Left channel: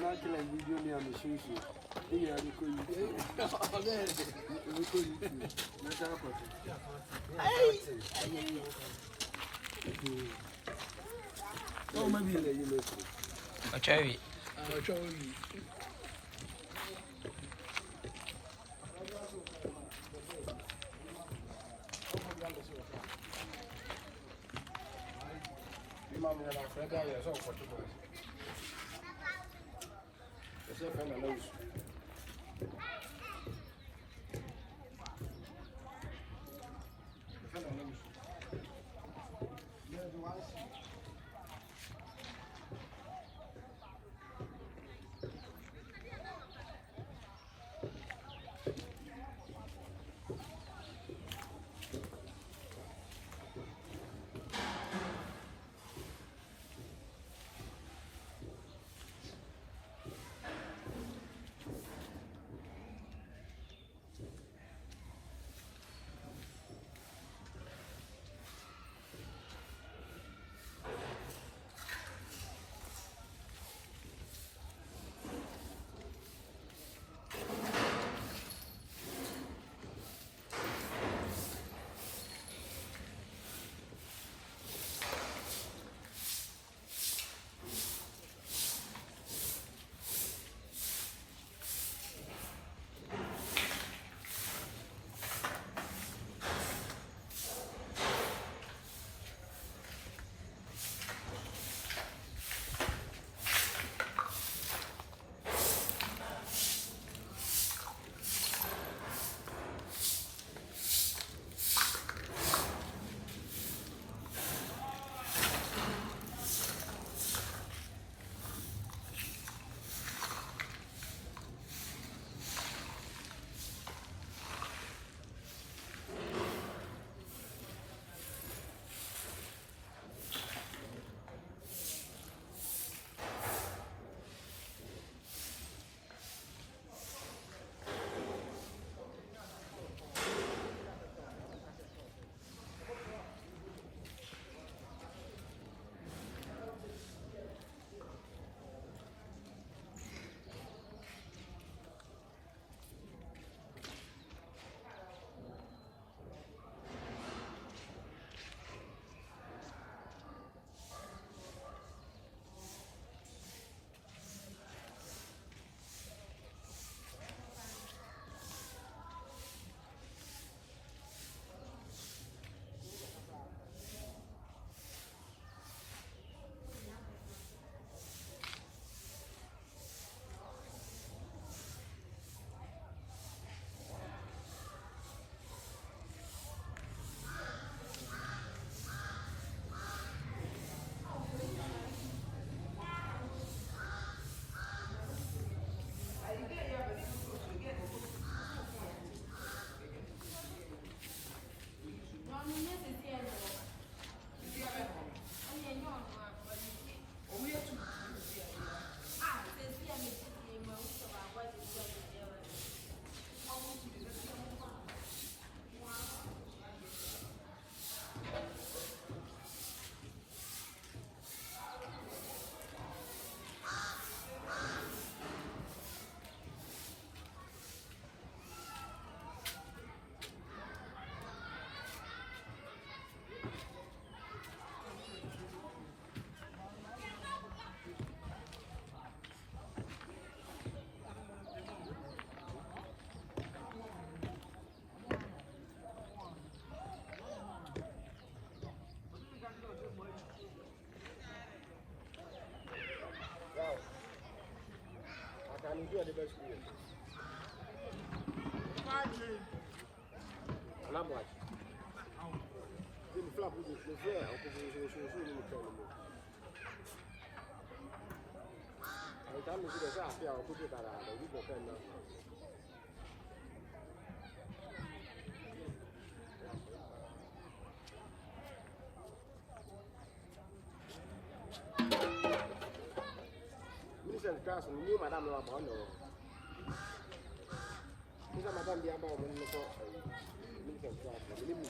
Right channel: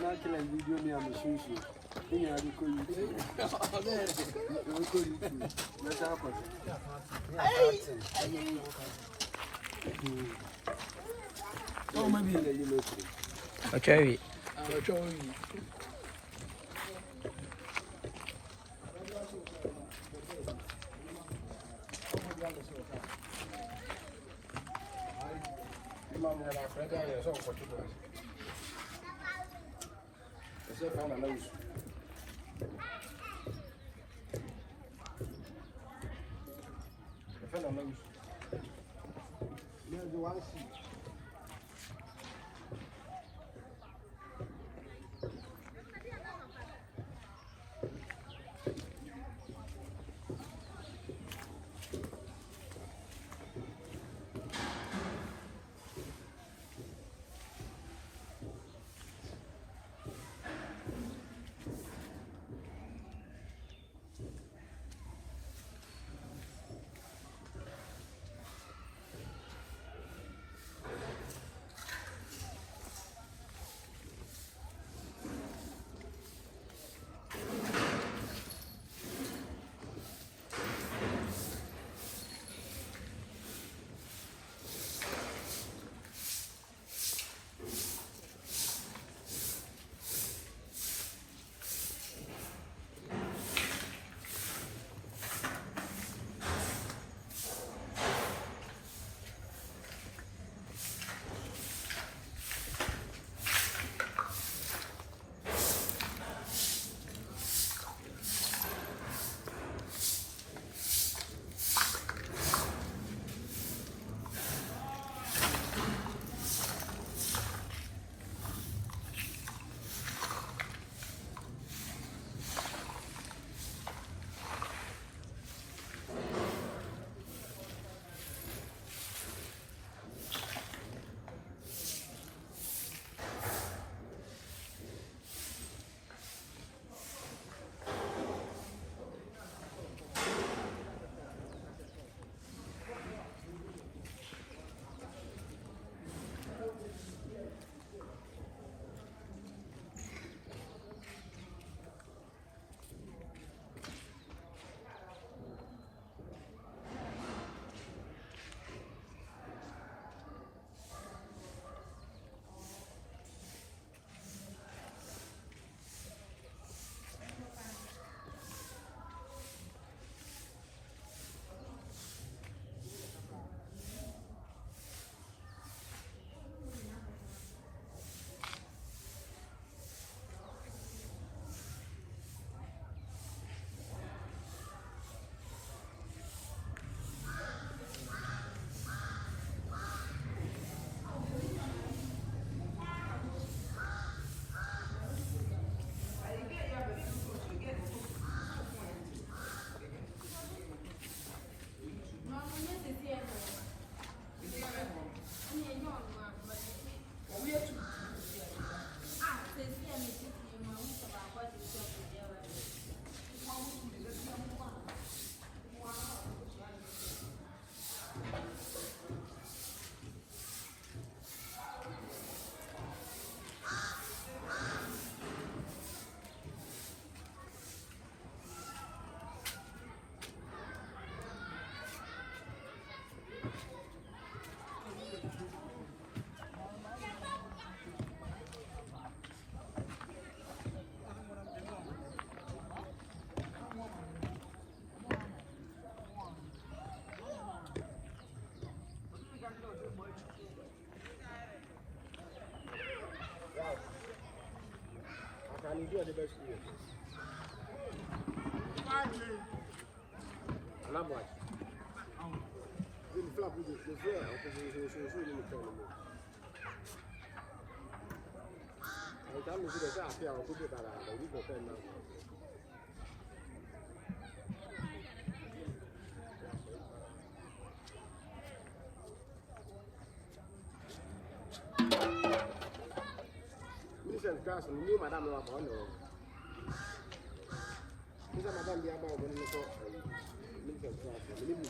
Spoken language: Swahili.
na kila video ni ameshishi. Ni ya yuko YouTube. Yuko YouTube. Na hapo. Ochawi. Mama ya Freda ya sio kwa tuko. Sasa fanya na hizo. Fanya na hizo. Ndio wasi. Ndio the best year. Labda. Ile flap hiyo ndio hapo ni mkono. Kama zile za afya kuja barabara hiyo kwa nini? Mimi sasa ni madam wa bwana. Sasa madam ya ba wani ko min ka sa min mu